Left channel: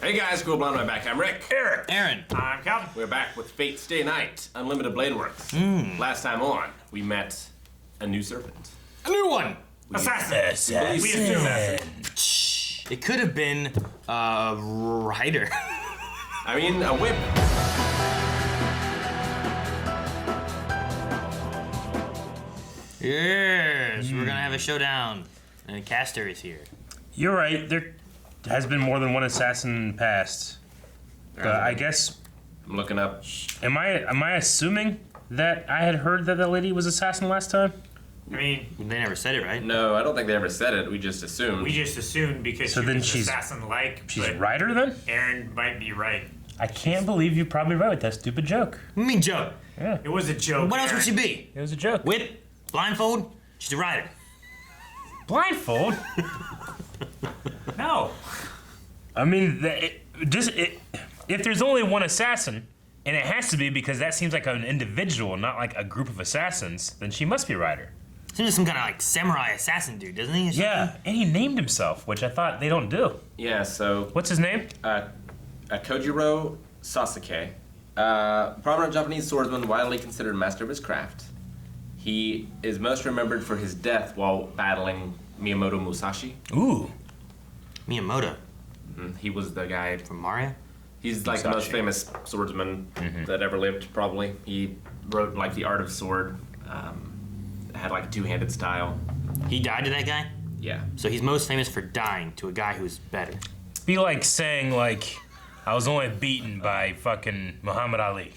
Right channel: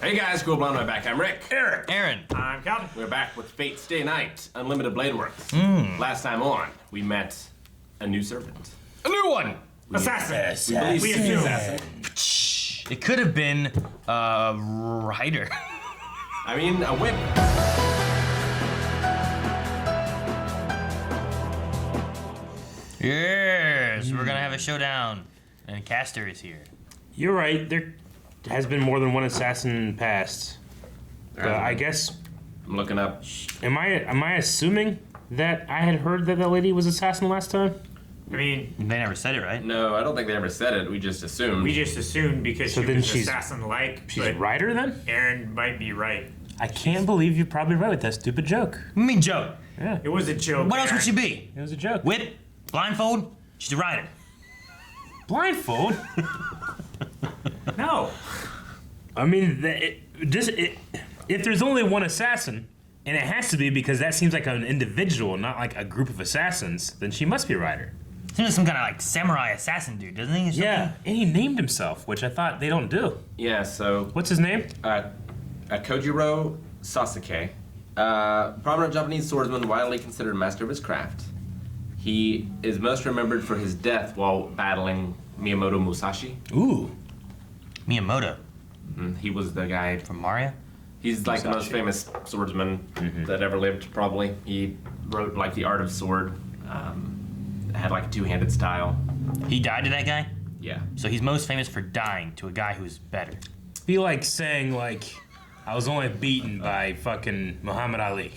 Hey guys, cool blonde my back. I'm Rick. Eric. Aaron. I'm Calvin. We're back with Fate Stay Night, Unlimited Blade Works. Last time on, we met a new servant. A new one. Assassin. We assume that. It could have been a rider. I mean, a whip. Yes, we're gonna have a showdown, and Caster is here. You're right. There has been more than one assassin in the past. I guess. I'm looking up. Am I assuming that I had heard that lady was assassin last time? I mean, They never said it, right? No, I don't think they ever said it. We just assumed. we just assumed because So she then was she's- assassin-like, She's but a rider then? Aaron might be right. I can't believe you're probably right with that stupid joke. What do you mean joke? Yeah, It was a joke. What else would she be? it was a joke. Whip? Blindfold? She's a rider. Blindfold? No. I mean, if there's only one assassin, and it has to be because that seems like an individual, not like a group of assassins, then she must be a rider. Seems like some kind of like samurai assassin dude, doesn't he? Or something? Yeah, and he named himself, which I thought they don't do. Yeah, so What's his name? Kojiro Sasuke, prominent Japanese swordsman, widely considered a master of his craft. He is most remembered for his death while battling Miyamoto Musashi. Ooh. Miyamoto He was the guy. from Mario. He's like the most Musashi. famous swordsman that ever lived, probably. He wrote like The Art of Sword. Had like a two-handed style. He died to that guy, Yeah. so he's most famous for dying to a guy who's better. Be like saying like, I was only beaten by fucking Muhammad Ali.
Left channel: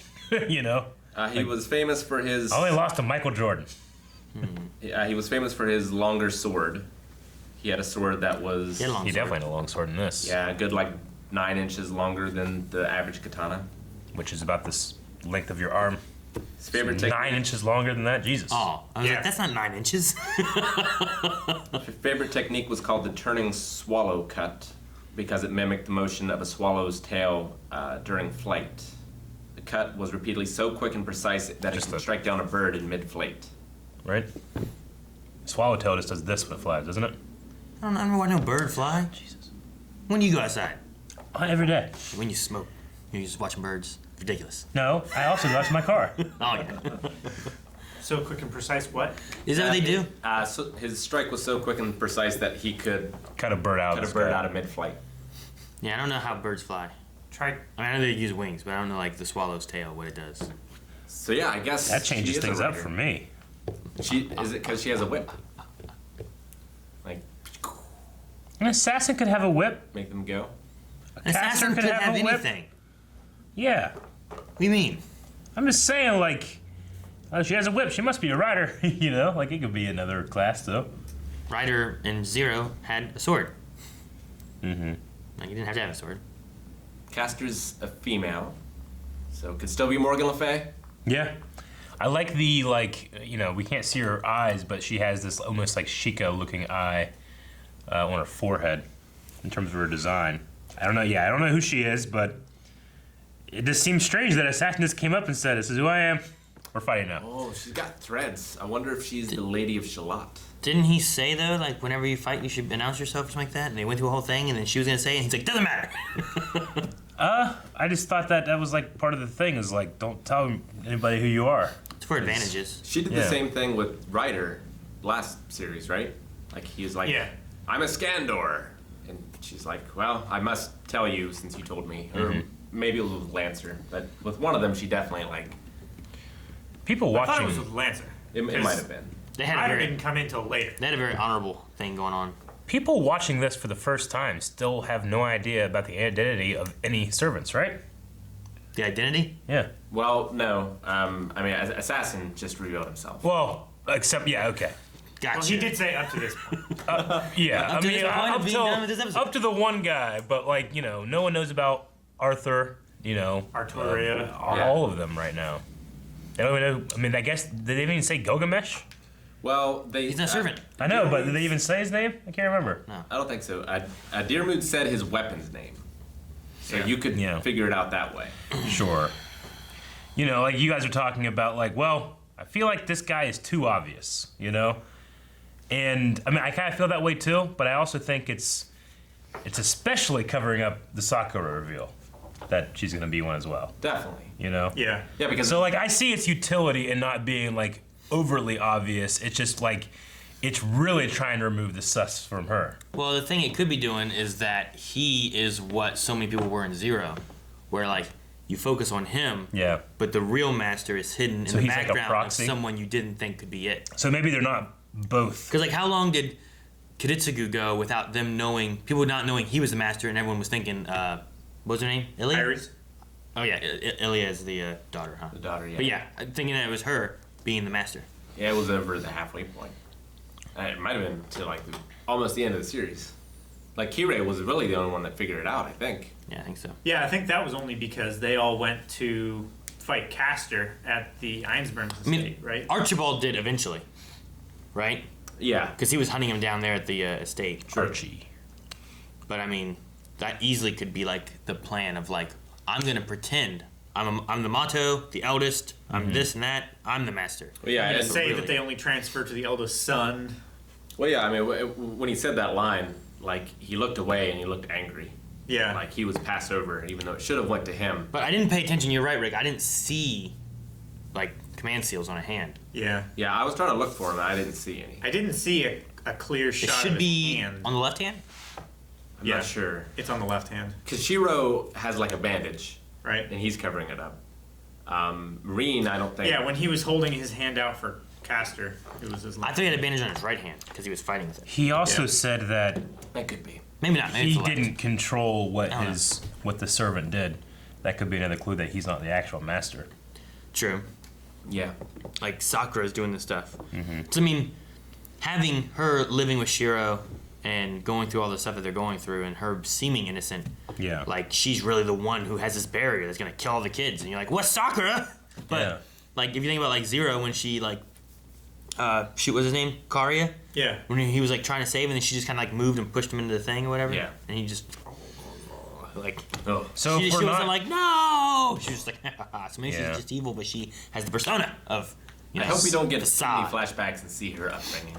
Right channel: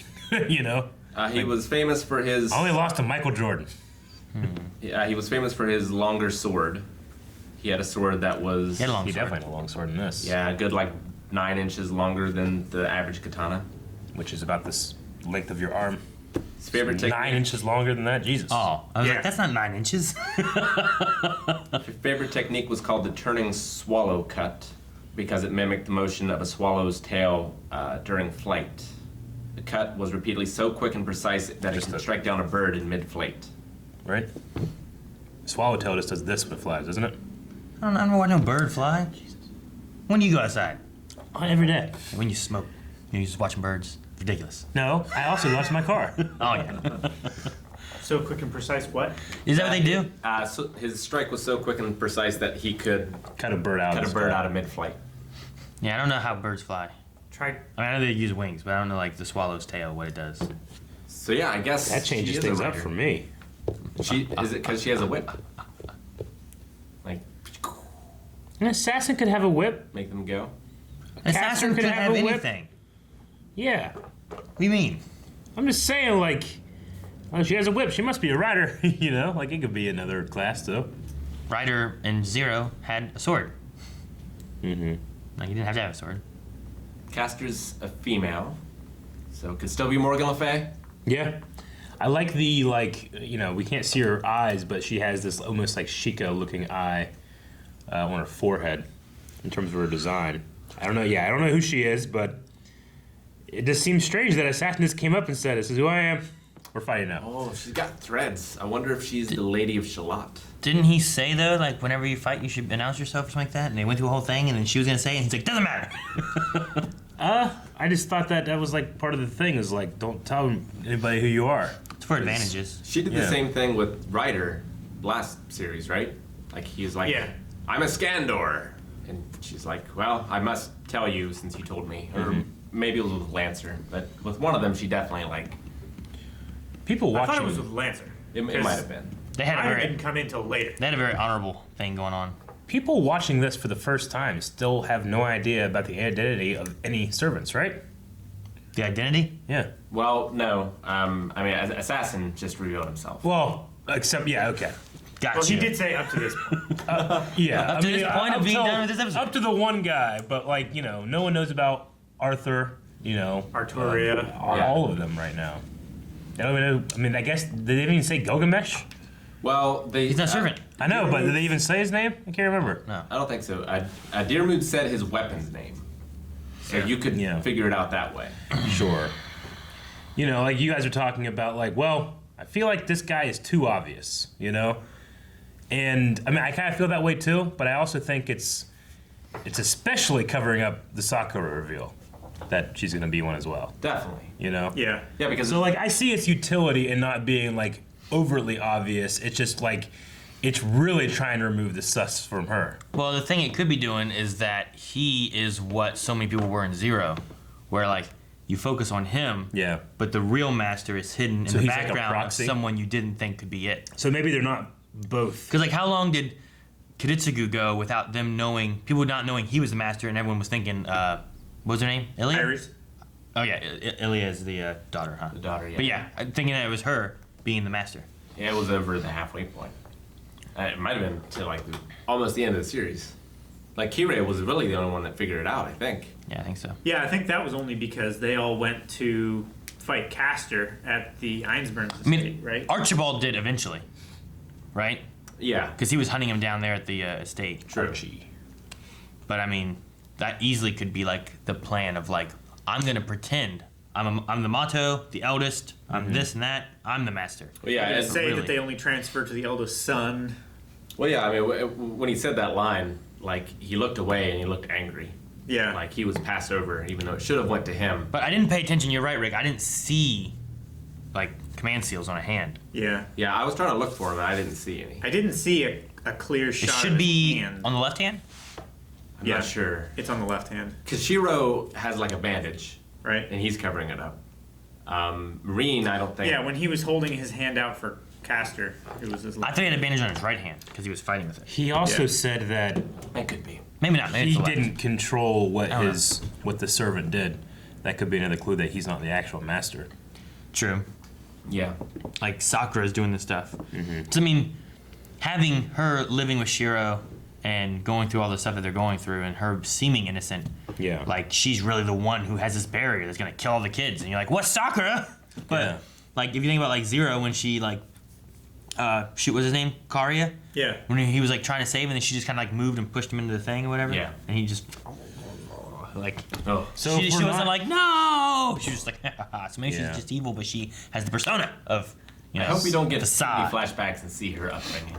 You know? He was famous for his. I only lost to Michael Jordan. He was famous for his longer sword. He had a sword that was. He had a long He sword. definitely had a long sword in this. Yeah, a good like 9 inches longer than the average katana. Which is about this length of your arm. His favorite technique. 9 inches longer than that? Jesus. Oh, I was Yeah. like, that's not 9 inches. His favorite technique was called the turning swallow cut because it mimicked the motion of a swallow's tail during flight. The cut was repeatedly so quick and precise that it Just could a- strike down a bird in mid-flight. Right? Swallowtail just does this when it flies, doesn't it? I don't watch no bird fly. Jesus. When do you go outside? Every day. When you smoke. You're just watching birds. Ridiculous. No, I also watch my car. Oh yeah. So quick and precise. What? Is that what they do? So his strike was so quick and precise that he could Cut a bird out. cut a of bird out of mid-flight. Yeah, I don't know how birds fly. Try. I know they use wings, but I don't know like the swallow's tail, what it does. So yeah, I guess That she changes is a things up rider. for me. She is it because she has a whip? Like An assassin could have a whip. make them go. An Caster assassin could could have have a whip? anything. Yeah. What do you mean? I'm just saying, like, she has a whip. She must be a rider. You know, like it could be another class too. Ryder and Zero had a sword. Mm-hmm. Like, you didn't have to have a sword. Caster's a female, so could still be Morgan Le Fay. Yeah. I like the we can't see her eyes, but she has this almost like Sheikah-looking eye on her forehead in terms of her design. I don't know. Yeah, I don't know who she is, but it just seems strange that Assassin just came up and said, "This is who I am." We're fighting now. Oh, she's got threads. I wonder if she's the Lady of Shalott. Didn't he say though, like whenever you fight, you should announce yourself or something like that? And they went through a whole thing, and then she was gonna say it, and he's like, "Doesn't matter." I just thought that was like part of the thing is like, don't tell anybody who you are. It's for advantages. She did Yeah. the same thing with Ryder last series, right? Like he's like, Yeah. I'm a Scandor, and she's like, well, I must tell you since you told me, or maybe it was with Lancer, but with one of them, she definitely like People I thought watching. it was with Lancer. it might have been. They had a Ryder very, didn't come in till later. they had a very honorable thing going on. People watching this for the first time still have no idea about the identity of any servants, right? The identity? Yeah. Well, no, I mean, Assassin just revealed himself. Well, except okay. Gotcha. Well, he did say up to this point. Yeah, Up to this point of being done with this episode. up to the one guy, but like no one knows about Arthur. Arturia. All of them right now. They don't even know. I mean, I guess did they even say Gilgamesh? Well, they. He's not a servant. I know, but did they even say his name? I can't remember. No. I don't think so. Dirmud said his weapon's name, so Yeah. you could Yeah. figure it out that way. Sure. Like you guys are talking about, like, well, I feel like this guy is too obvious, And I mean, I kind of feel that way too, but I also think it's it's especially covering up the Sakura reveal that she's going to be one as well. Definitely. You know? Yeah. Yeah, because So like I see its utility in not being like overly obvious. It's just like it's really trying to remove the sus from her. Well, the thing it could be doing is that he is what so many people were in Zero, where like you focus on him, Yeah. but the real master is hidden So in the he's like a background of proxy? someone you didn't think could be it. So maybe they're not both. Because like, how long did Kiritsugu go without them knowing, people not knowing he was the master, and everyone was thinking, what was her name? Ilya? Iris. Oh yeah, Ilya is the daughter, huh? the daughter, yeah. But yeah, thinking that it was her being the master. Yeah, it was over the halfway point. It might have been to like almost the end of the series. Like Kirei was really the only one that figured it out, I think. Yeah, I think so. Yeah, I think that was only because they all went to fight Castor at the Einsberg's estate, I mean, right? Archibald did eventually, right? Yeah. Because he was hunting him down there at the estate. Sure. Archie. But I mean, that easily could be like the plan of like, I'm gonna pretend I'm the Mato, the eldest. I'm this and that. I'm the master. Well, yeah. They And, say really- that they only transfer to the eldest son. well, yeah. I mean, when he said that line, like he looked away and he looked angry, Yeah. like he was passed over, even though it should have went to him. But I didn't pay attention. You're right, Rick. I didn't see like command seals on a hand. Yeah. Yeah, I was trying to look for him, and I didn't see any. I didn't see a clear It shot should of his be hand. on the left hand. I'm Yeah. not sure. It's on the left hand, Kojiro has like a bandage, right? and he's covering it up. Marine, I don't think. Yeah, when he was holding his hand out for Castor, it was his I left. thought he had a bandage on his right hand because he was fighting with it. He also Yeah. said that It could be. Maybe not. Maybe it's he the left. didn't control what Oh. what the servant did. That could be another clue that he's not the actual master. True. Yeah. Like Sakura's doing this stuff. So I mean, having her living with Shiro and going through all the stuff that they're going through, and her seeming innocent, Yeah. like she's really the one who has this barrier that's gonna kill all the kids, and you're like, what's Sakura? But Yeah. like, if you think about like Zero, when she like, shoot, what's his name? Karia. Yeah. When he was like trying to save, and then she just kind of like moved and pushed him into the thing or whatever. Yeah. And he just like. Oh. So she if we're wasn't not- like no. She was just like so maybe Yeah. she's just evil, but she has the persona of. You I know, hope we don't get too facade. many flashbacks and see her upbringing.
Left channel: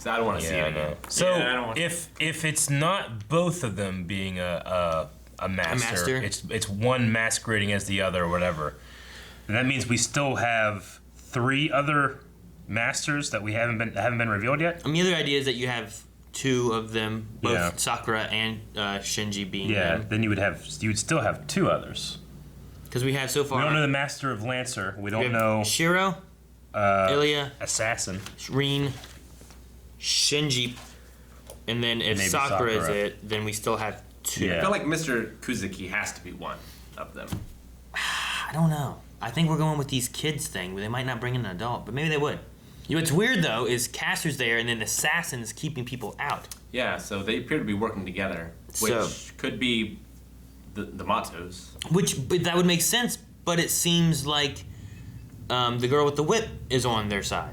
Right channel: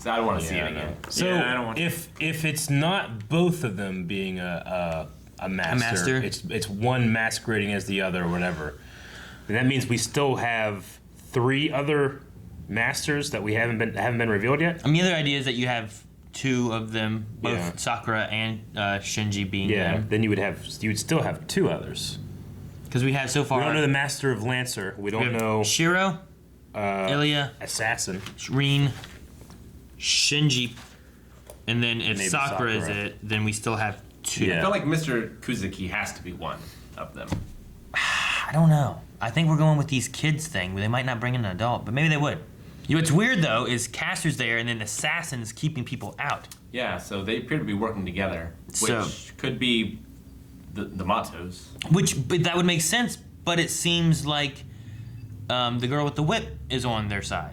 So I don't want to see it again. So Yeah, I don't want- if it's not both of them being a master, master? it's one masquerading as the other or whatever, then that means we still have 3 other masters that haven't been revealed yet. I mean, the other idea is that you have 2 of them, both Yeah. Sakura and Shinji being Yeah. them. Then you would still have 2 others. Because we have so far. We don't know the master of Lancer. We we don't have know Shiro, Ilya, assassin. Rin, Shinji, and then if Maybe Sakura is Sakura. it, then we still have 2. Yeah. I feel like Mr. Kuzuki has to be one of them. I don't know. I think we're going with these kids thing. They might not bring in an adult, but maybe they would. You know what's weird though is Castor's there, and then the assassin's keeping people out. Yeah, so they appear to be working together, which So- could be the Matos. But that would make sense. But it seems like the girl with the whip is on their side,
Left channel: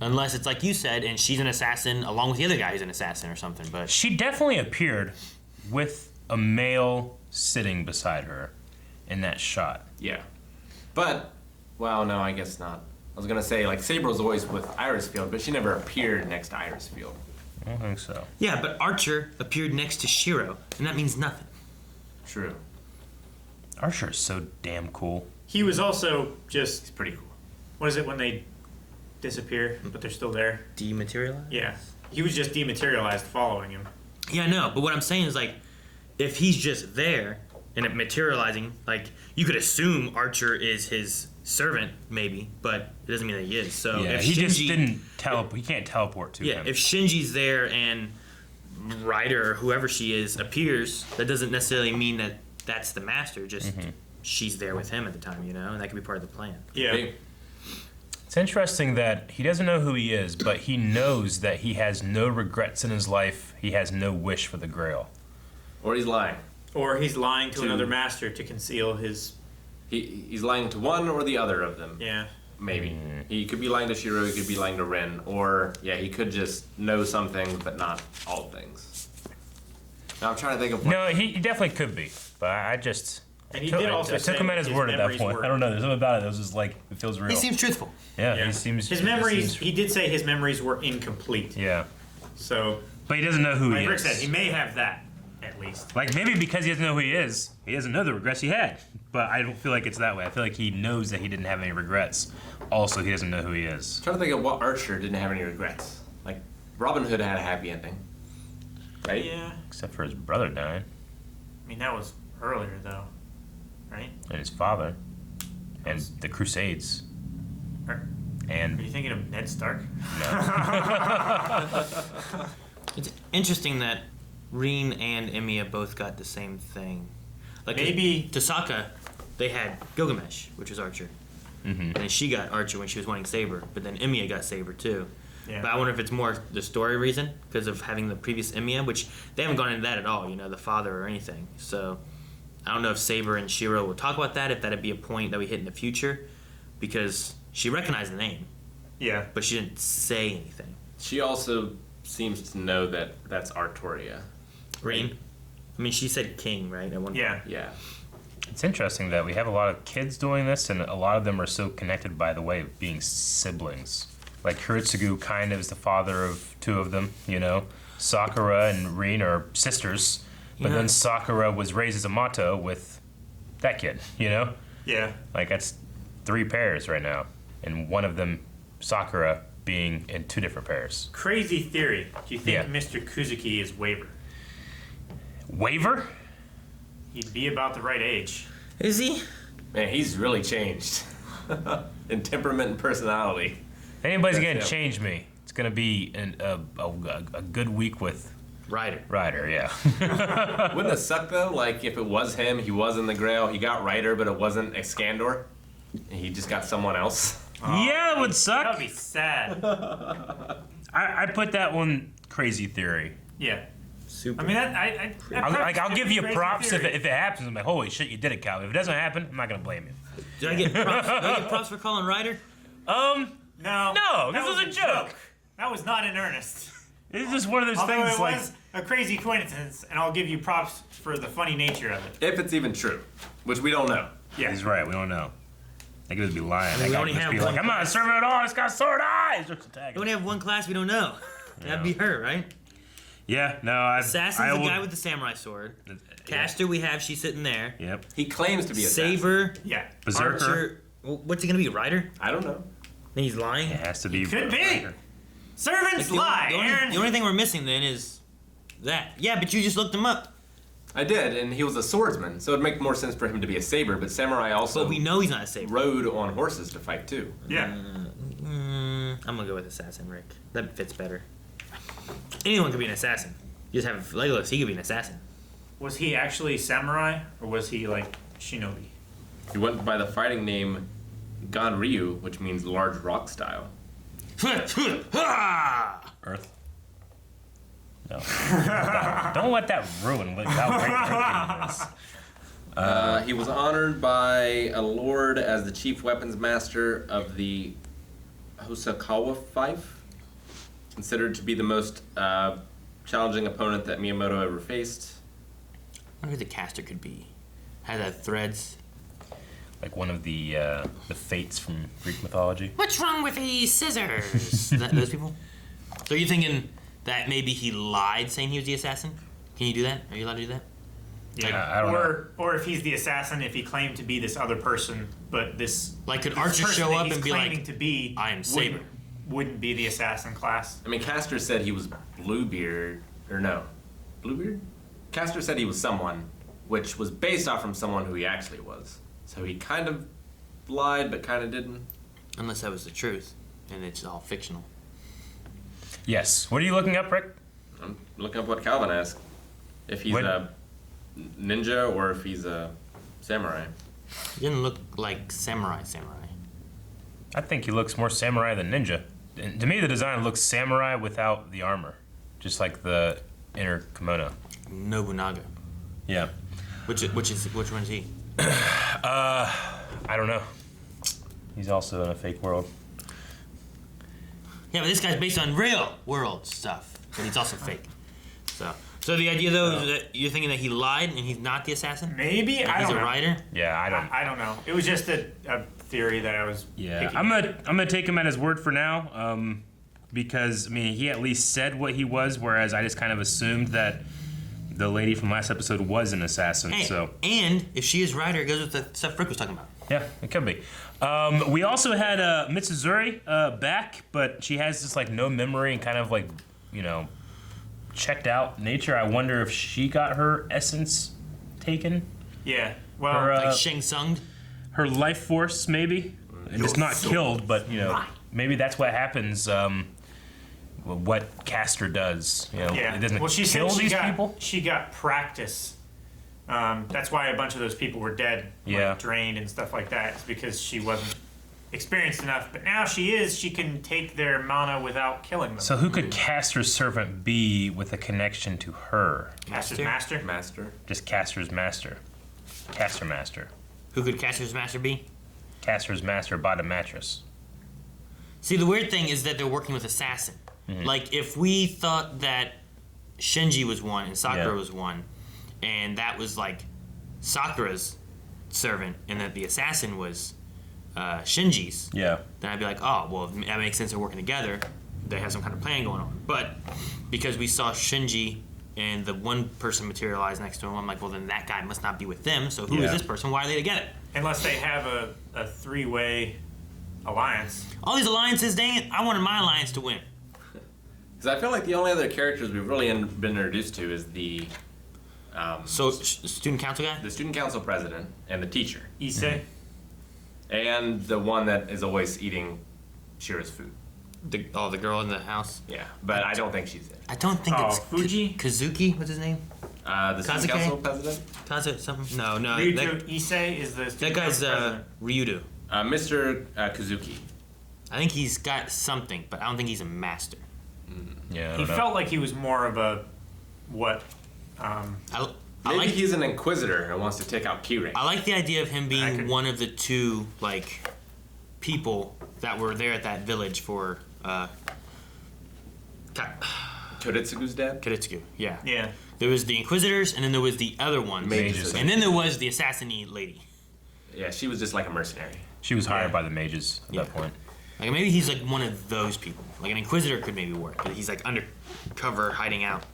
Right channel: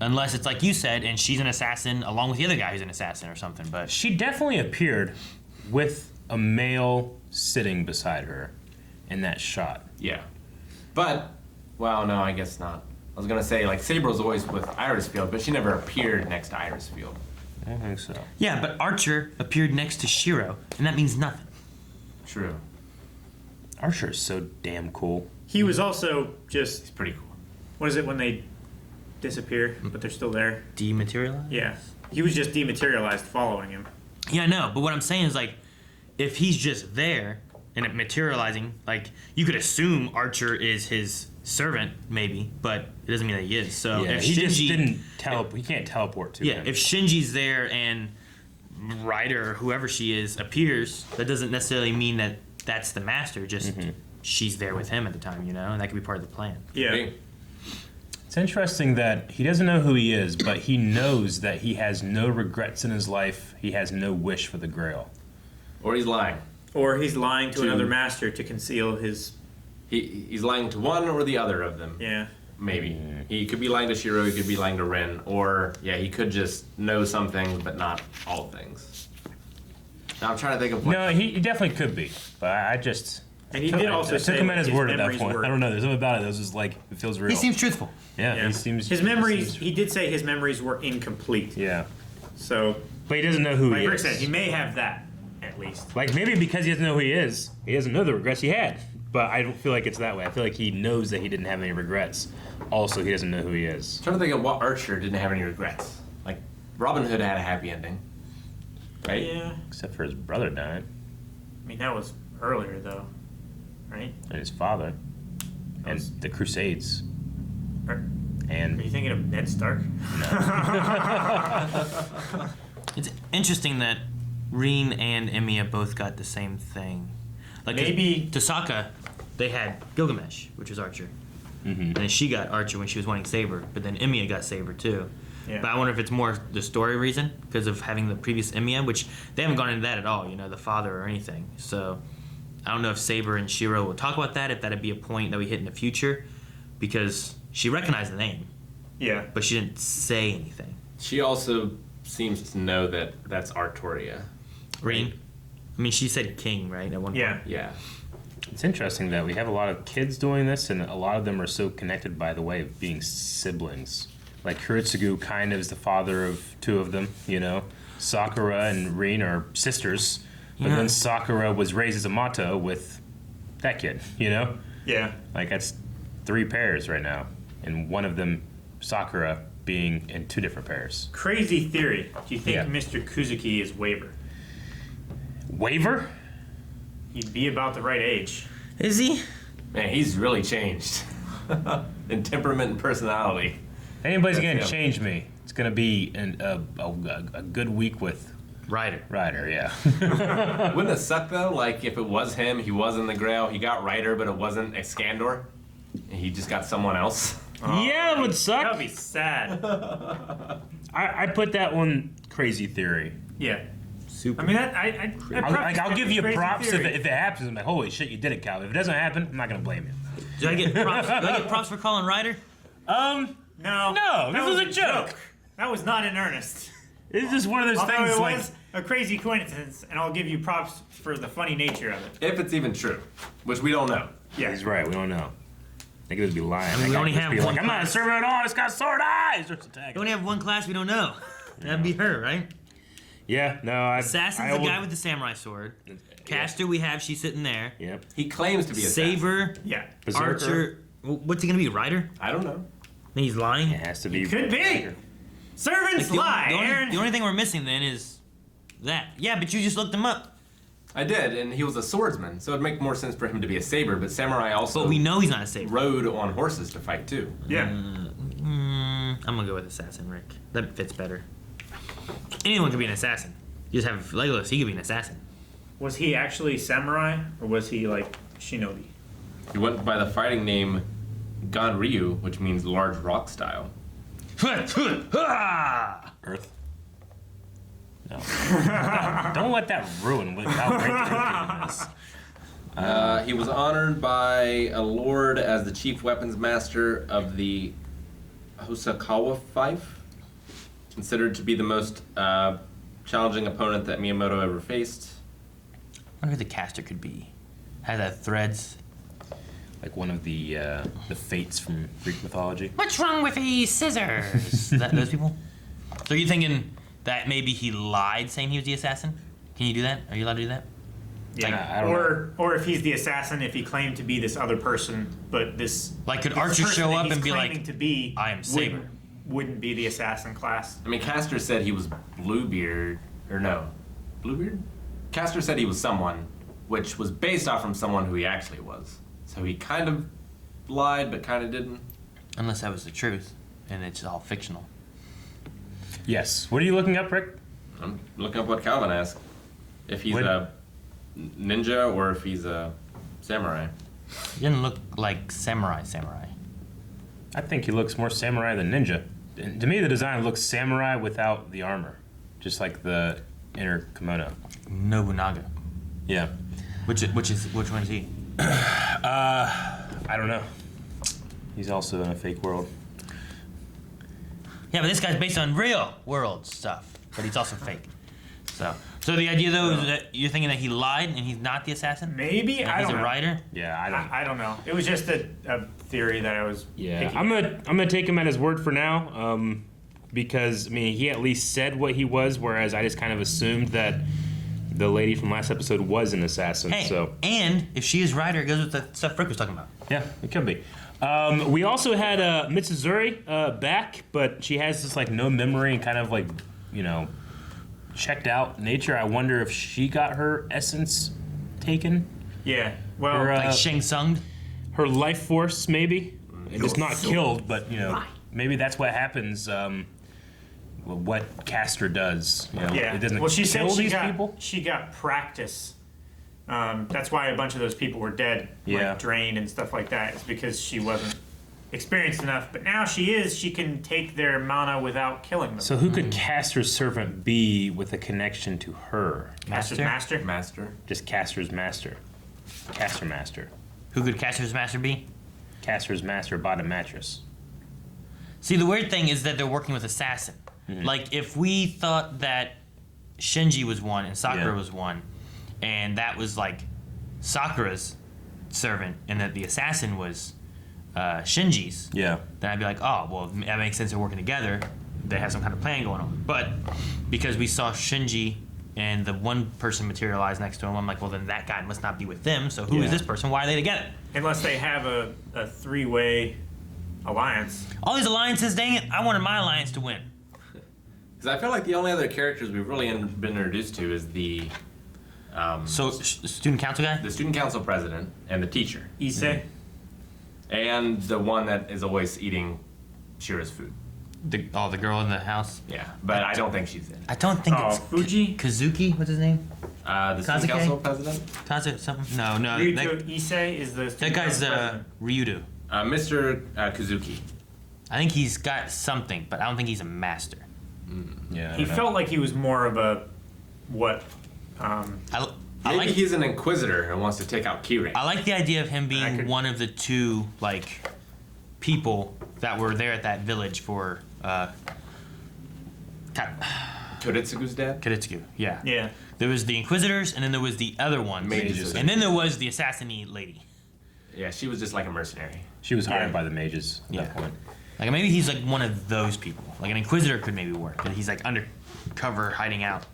unless it's like you said, and she's an assassin along with the other guy who's an assassin or something. But She definitely appeared with a male sitting beside her in that shot. Yeah. But, well, no, I guess not. I was going to say, like, Sabre's always with Irisfield, but she never appeared next to Irisfield. I don't think so. yeah, but Archer appeared next to Shiro, and that means nothing. True. Archer is so damn cool. He was also just, It's pretty cool. what is it when they disappear, but they're still there? Dematerialized? Yeah. He was just dematerialized following him. Yeah, I know. But what I'm saying is like, if he's just there and it materializing, like you could assume Archer is his servant, maybe, but it doesn't mean that he is. So Yeah, if he just Shinji- didn't teleport. He can't teleport to Yeah, him. if Shinji's there and Ryder or whoever she is appears, that doesn't necessarily mean that that's the master. Just she's there with him at the time, you know, and that could be part of the plan. Yeah. Hey, It's interesting that he doesn't know who he is, but he knows that he has no regrets in his life. He has no wish for the Grail. or he's lying. Or he's lying to To- another master to conceal his. He's lying to one or the other of them. Yeah. Maybe. He could be lying to Shiro, he could be lying to Ren, or, yeah, he could just know some things, but not all things. Now I'm trying to think of what. No, he definitely could be, but I just. And he did also I say took him at his his word at that memories point. were- I don't know. There's something about it that was just like it feels real. He seems truthful. yeah, he seems. His he memories, seems- he did say his memories were incomplete. yeah, So, but he doesn't know who like he Rick is. said, he may have that. at least. Like maybe because he doesn't know who he is, he doesn't know the regrets he had. But I don't feel like it's that way. I feel like he knows that he didn't have any regrets. Also, he doesn't know who he is. I'm trying to think of what archer didn't have any regrets. Like Robin Hood had a happy ending, right? Yeah. Except for his brother dying I mean, that was earlier, though. Right? and his father and the Crusades. Are And you thinking of Ned Stark? It's interesting that Reen and Emiya both got the same thing. Like Maybe- Tasaka, they had Gilgamesh, which was Archer. And then she got Archer when she was wanting Saber, but then Emiya got Saber too. Yeah. But I wonder if it's more the story reason because of having the previous Emiya, which they haven't gone into that at all, the father or anything. So I don't know if Saber and Shiro will talk about that, if that'd be a point that we hit in the future, because she recognized the name, Yeah. but she didn't say anything. She also seems to know that that's Artoria. Reen? I mean, she said king, right? At one Yeah. point. Yeah. it's interesting that we have a lot of kids doing this, and a lot of them are so connected by the way of being siblings. Like Kuritsugu kind of is the father of two of them, Sakura and Reen are sisters, but Yeah. then Sakura was raised as a Mato with that kid, Yeah. Like that's 3 pairs right now, and one of them, Sakura, being in 2 different pairs. Crazy theory. Do you think Yeah. Mr. Kuzuki is Waver? Waver? He'd be about the right age. Is he? Man, he's really changed in temperament and personality. If anybody's That's gonna him. change me, it's gonna be a good week with Ryder. Ryder, yeah. Wouldn't it suck though? Like if it was him, he was in the Grail, he got Ryder, but it wasn't Iskandar, and he just got someone else. Yeah, it would That suck. would be sad. I put that one crazy theory. Yeah. Super. I mean, I'd I'll give you crazy props if theory. it happens. I'm like, holy shit, you did it, Cal. If it doesn't happen, I'm not gonna blame you. Did I get props? Did I get props for calling Ryder? No. No, this that was a joke. That was not in earnest. It's just one of those Although things it like was a crazy coincidence, and I'll give you props for the funny nature of it. If it's even true, which we don't know. Yeah. he's right. We don't know. They could just be lying. mean, That we guy only could just have be one like, I'm not a class. servant at all. It's got sword eyes. Starts attacking. We only have one class we don't know. That'd be her, right? Yeah, no, I. Assassin's I the guy will- with the samurai sword. Caster, we have. She's sitting there. Yep. He claims to be a assassin. Saber, Yeah. Berserker. Archer. What's he gonna be? Ryder? I don't know. Then he's lying. It has to be. Could be. Servants lie, Aaron. The only thing we're missing then is that. Yeah, but you just looked him up. I did, and he was a swordsman, so it'd make more sense for him to be a saber. But samurai also But we know he's not a saber. rode on horses to fight too. Yeah. I'm gonna go with assassin, Rick. That fits better. Anyone can be an assassin. You just have Legolas. He could be an assassin. Was he actually samurai, or was he like shinobi? He went by the fighting name Ganryu, which means large rock style. Earth. No. Don't let that ruin without right this. He was honored by a lord as the chief weapons master of the Hosokawa Fife, considered to be the most challenging opponent that Miyamoto ever faced. I wonder who the caster could be. Has that threads. Like one of the fates from Greek mythology. What's wrong with these scissors? Those people? So you're thinking that maybe he lied saying he was the assassin? Can you do that? Are you allowed to do that? Yeah. I don't or if he's the assassin, if he claimed to be this other person, but this Like, could this Archer person show that up he's and be claiming like, to be I am Saber? wouldn't be the assassin class. I mean, Castor said he was Bluebeard, or no, Bluebeard? Castor said he was someone, which was based off from someone who he actually was. So he kind of lied, but kind of didn't. Unless that was the truth, and it's all fictional. Yes. What are you looking up, Rick? I'm looking up what Calvin asked. If he's What? a ninja or if he's a samurai. He didn't look like samurai. I think he looks more samurai than ninja. And to me, the design looks samurai without the armor, just like the inner kimono. Nobunaga. Yeah. Which one is he? I don't know. He's also in a fake world. Yeah, but this guy's based on real world stuff, but he's also fake. So the idea though is that you're thinking that he lied and he's not the assassin. Maybe And I he's don't a know. writer. Yeah, I don't. I don't know. It was just a theory that I was. Yeah, picking I'm at. gonna take him at his word for now, because I mean he at least said what he was, whereas I just kind of assumed that the lady from last episode was an assassin. Hey, So and if she is right, it goes with the stuff Rick was talking about. yeah, it could be. We also had Mitsuzuri back, but she has this like no memory and kind of like checked out nature. I wonder if she got her essence taken. Yeah. Well, Her, Like Shang Tsung. her life force, maybe. It's not killed, but maybe that's what happens. What Castor does, yeah. it doesn't Well, she kill said these people. she got practice. That's why a bunch of those people were dead, Yeah. like drained and stuff like that. It's because she wasn't experienced enough. But now she is. She can take their mana without killing them. So who could Castor's servant be with a connection to her? Master's Master? master. Master. Just Castor's master. Castor master. Who could Castor's master be? Castor's master bought a mattress. See, the weird thing is that they're working with assassin. Like, if we thought that Shinji was one and Sakura Yeah. was one, and that was like Sakura's servant, and that the assassin was Shinji's, Yeah. then I'd be like, oh, well, that makes sense. They're working together. They have some kind of plan going on. But because we saw Shinji and the one person materialize next to him, I'm like, well, then that guy must not be with them. So who is Yeah. this person? Why are they together? Unless they have a three-way alliance. All these alliances, dang it! I wanted my alliance to win. Because I feel like the only other characters we've really been introduced to is the So, student council guy? the student council president and the teacher, Issei. and the one that is always eating Shira's food. The girl in the house? Yeah, but I don't think she's in. I don't think Oh, it's Fuji? Kazuki. What's his name? The student Kazuke? council president, Kazu something? No. Ryuto Issei is the That student guy's council president. Ryudo. Mr. Kuzuki. I think he's got something, but I don't think he's a master. Yeah. I He don't know. felt like he was more of a what? I Maybe like he's an inquisitor and wants to take out Kirei. I like the idea of him being could- one of the two people that were there at that village for Koritsugu's dad. Kiritsugu. Yeah. Yeah. There was the Inquisitors, and then there was the other ones, Mages. and then there was the assassinate lady. Yeah, she was just like a mercenary. She was hired Yeah. by the mages at that point. Like maybe he's like one of those people. Like an Inquisitor could maybe work, but he's like undercover, hiding out,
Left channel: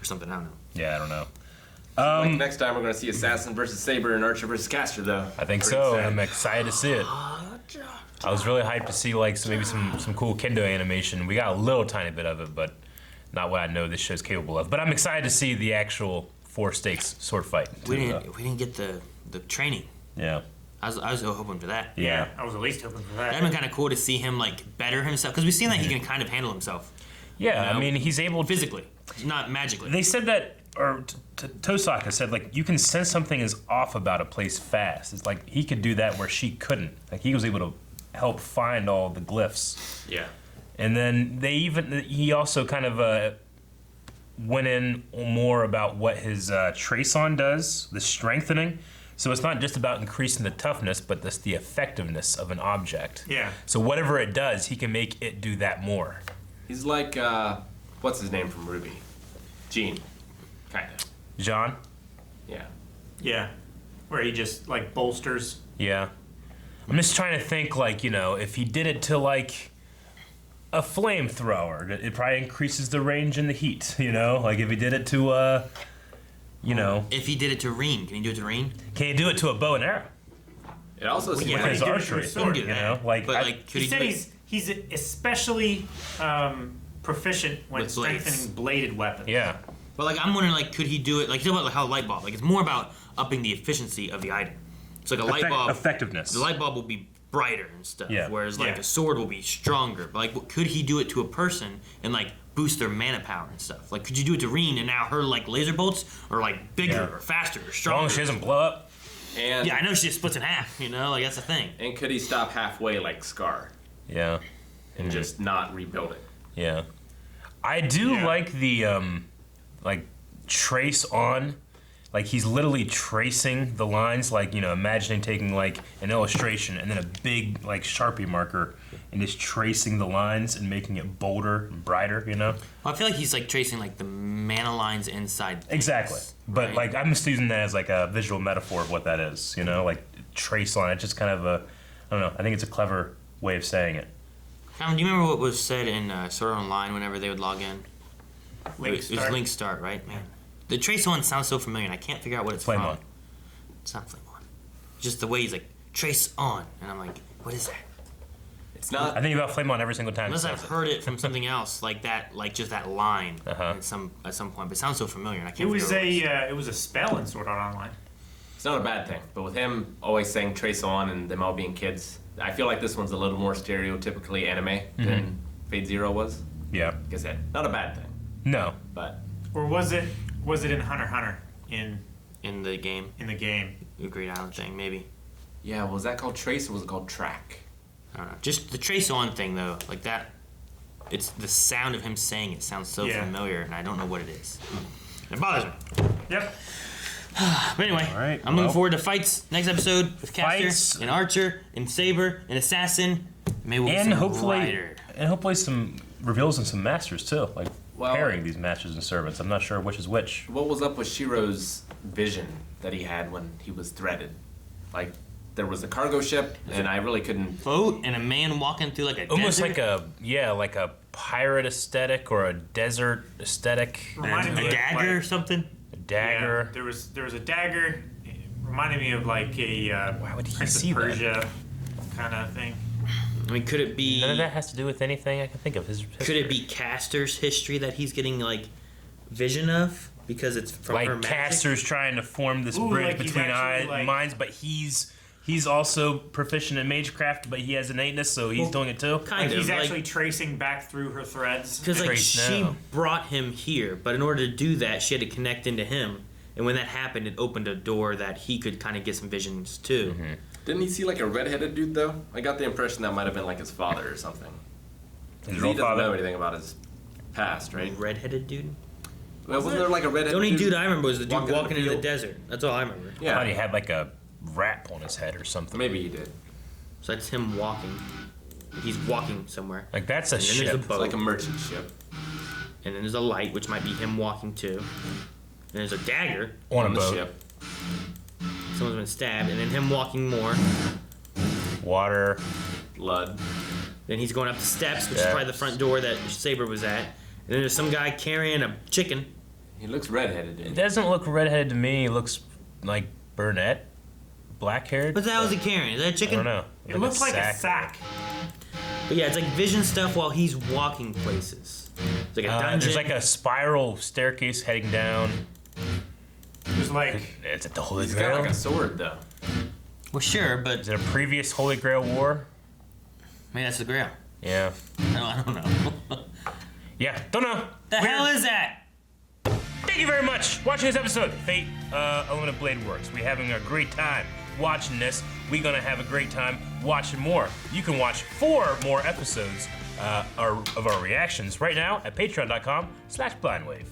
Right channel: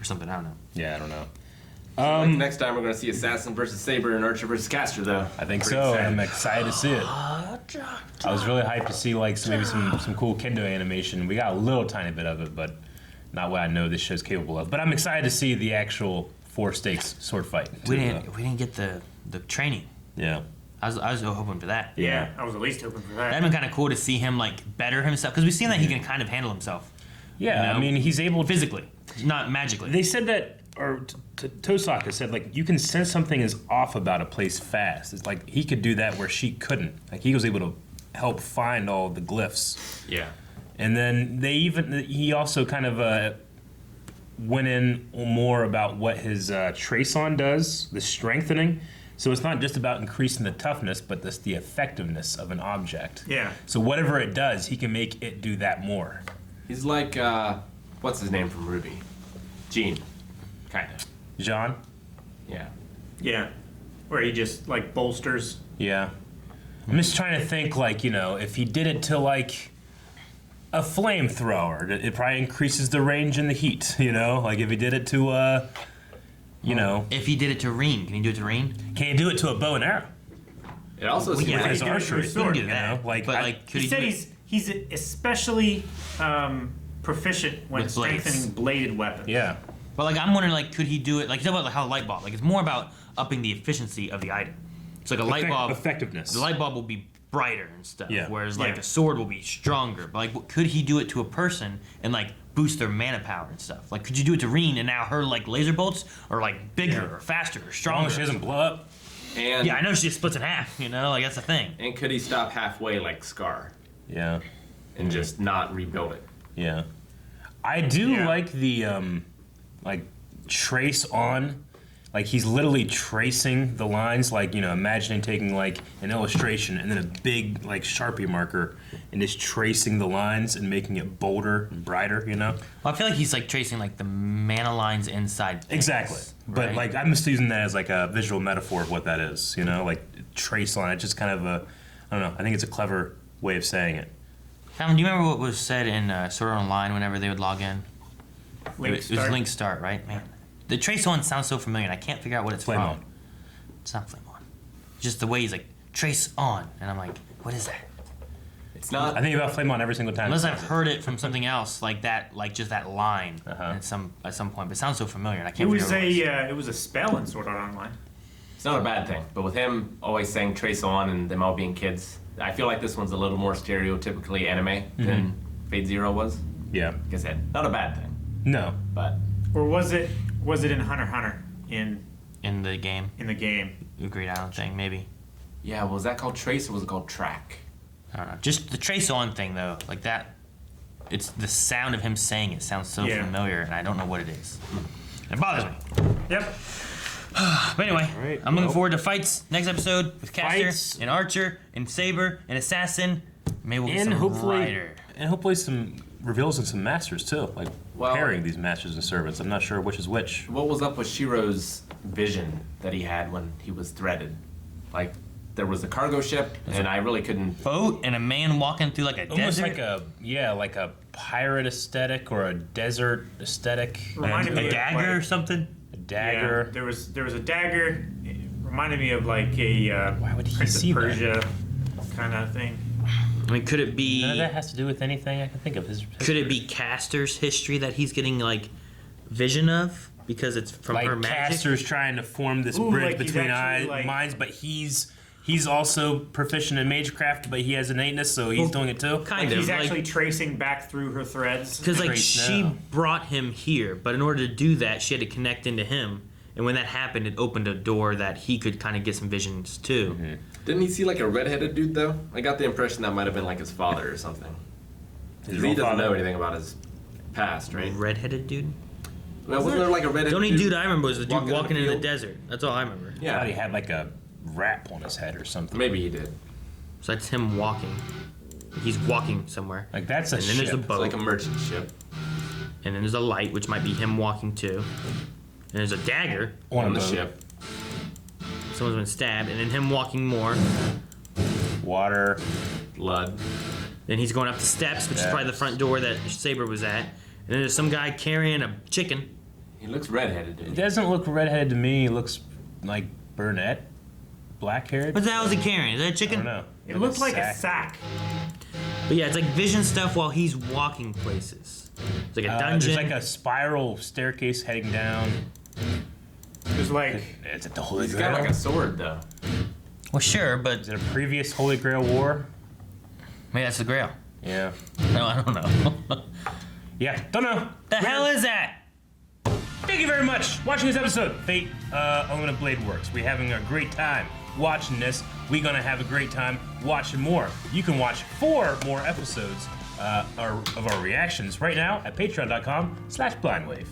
or something. I don't know. Yeah, I don't know. Like next time we're gonna see Assassin versus Saber and Archer versus Castor, though. I think Pretty so. sad. I'm excited to see it. I was really hyped to see maybe some cool kendo animation. We got a little tiny bit of it, but not what I know this show's capable of. But I'm excited to see the actual four stakes sword fight. We didn't get the training. Yeah. I was hoping for that. Yeah. I was at least hoping for that. That'd been kind of cool to see him like better himself because we've seen that he can kind of handle himself Yeah, You know? I mean, he's able to. physically, not magically. They said that, or Tosaka said, like, you can sense something is off about a place fast. It's like he could do that where she couldn't. Like, he was able to help find all the glyphs. Yeah. And then he also kind of went in more about what his trace on does, the strengthening. So it's not just about increasing the toughness, but the effectiveness of an object. Yeah. So whatever it does, he can make it do that more. He's like, what's his name from Ruby? Gene. Kinda. Jean? Yeah. Yeah. Where he just like bolsters. Yeah. I'm just trying to think, like, if he did it to, like, a flamethrower, it probably increases the range and the heat, Like, if he did it to, If he did it to Reen, can he do it to Reen? can he do it to a bow and arrow? It also seems yeah, With like his he did it to archery, his sword, He can do that. Like, but I- like, could He he said do it- he's especially proficient when With blades. strengthening bladed weapons. Yeah. But like, I'm wondering, like, could he do it? Like, you know about like how a light bulb. Like, it's more about upping the efficiency of the item. It's like a light bulb. Effectiveness. The light bulb will be brighter and stuff. Yeah. Whereas like Yeah. a sword will be stronger. But like, could he do it to a person and like boost their mana power and stuff? Like, could you do it to Reen and now her like laser bolts are like bigger Yeah. or faster or As long stronger? as she doesn't blow up. and Yeah, I know she just splits in half. Like that's the thing. and could he stop halfway like Scar Yeah. and just not rebuild it? Yeah. I do Yeah. like the, trace on. Like, he's literally tracing the lines, like, imagining taking, like, an illustration and then a big, like, Sharpie marker and just tracing the lines and making it bolder and brighter, Well, I feel like he's like tracing like the mana lines inside. things, Exactly. But, right? like, I'm just using that as, like, a visual metaphor of what that is, Like, trace on it. Just kind of I don't know. I think it's a clever way of saying it. Cameron, do you remember what was said in Sword Art Online whenever they would log in? Link It was start. link start, right? Man, The Trace On sounds so familiar, and I can't figure out what it's Flame from. On. It's not Flame On. Just the way he's like, Trace On. And I'm like, what is that? It's not. I think about Flame On every single time. Unless I've heard it from something else like that, like just that line at some point. But it sounds so familiar, and I It can't was figure out what it was. it was a spell in Sword Art Online. It's not a bad thing, but with him always saying Trace On and them all being kids, I feel like this one's a little more stereotypically anime than Fate Zero was. Yeah. Like I said, not a bad thing, No. but Or was it in Hunter x Hunter In the game. in the game? Agreed, I don't think, maybe. yeah, was that called Trace or was it called Track? I don't know. Just the Trace On thing, though, like that, it's the sound of him saying it sounds so Yeah. familiar, and I don't know what it is. It bothers me. Yep. But anyway, All right, I'm looking well. forward to fights next episode with Caster Fights. and Archer and Saber and Assassin. Maybe we'll get And some hopefully, Rider. some reveals and some masters too, like Well- pairing these masters and servants. I'm not sure which is which. What was up with Shiro's vision that he had when he was threaded? Like, there was a cargo ship, and I really couldn't. Boat and a man walking through like a Almost desert. like a pirate aesthetic or a desert aesthetic. Reminded a me of, dagger or like- something. A dagger. Yeah, there was a dagger. It reminded me of like a Why would he Prince see of that? Persia kind of thing. I mean, could it be? None of that has to do with anything I can think of. Could it be Caster's history that he's getting like vision of because it's from her like magic? Caster's trying to form this Ooh, bridge like he's between actually, like- minds, but he's also proficient in magecraft, but he has innateness, so he's doing it too. Kind Like of he's like, actually tracing back through her threads. because like Trace she now. brought him here, but in order to do that, she had to connect into him, and when that happened, it opened a door that he could kind of get some visions too. Didn't he see like a redheaded dude though? I got the impression that might have been like his father or something. His He real doesn't know father. anything about his past, right? Redheaded dude. Well, wasn't there like a redheaded The only dude I remember was the dude walking in the walking in the field? desert. That's all I remember. I Yeah, thought he had like a wrap on his head or something. maybe he did. So that's him walking. He's walking somewhere. Like that's a And then there's a ship. It's boat. like a merchant ship And then there's a light, which might be him walking too. And there's a dagger. on a the boat. ship. Someone's been stabbed. And then him walking more. Water. Blood. Then he's going up the steps, which is probably the front door that Saber was at. And then there's some guy carrying a chicken. He looks redheaded. It Dude. doesn't look redheaded to me. He looks like brunette, black haired. What the hell is he carrying? Is that a I chicken? don't know. It looks like a sack. But yeah, it's like vision stuff while he's walking places. It's like a dungeon. There's like a spiral staircase heading down. Just like It's at the Holy He's Grail. got like a sword though. Well, sure, but Is it a previous Holy Grail war? maybe that's the Grail. Yeah. No, I don't know. Yeah. Don't know. The hell is that? Thank you very much for watching this episode. Fate Aluminum Blade Works. We're having a great time watching this. We're gonna have a great time watching more. You can watch 4 more episodes of our reactions right now at patreon.com/blindwave.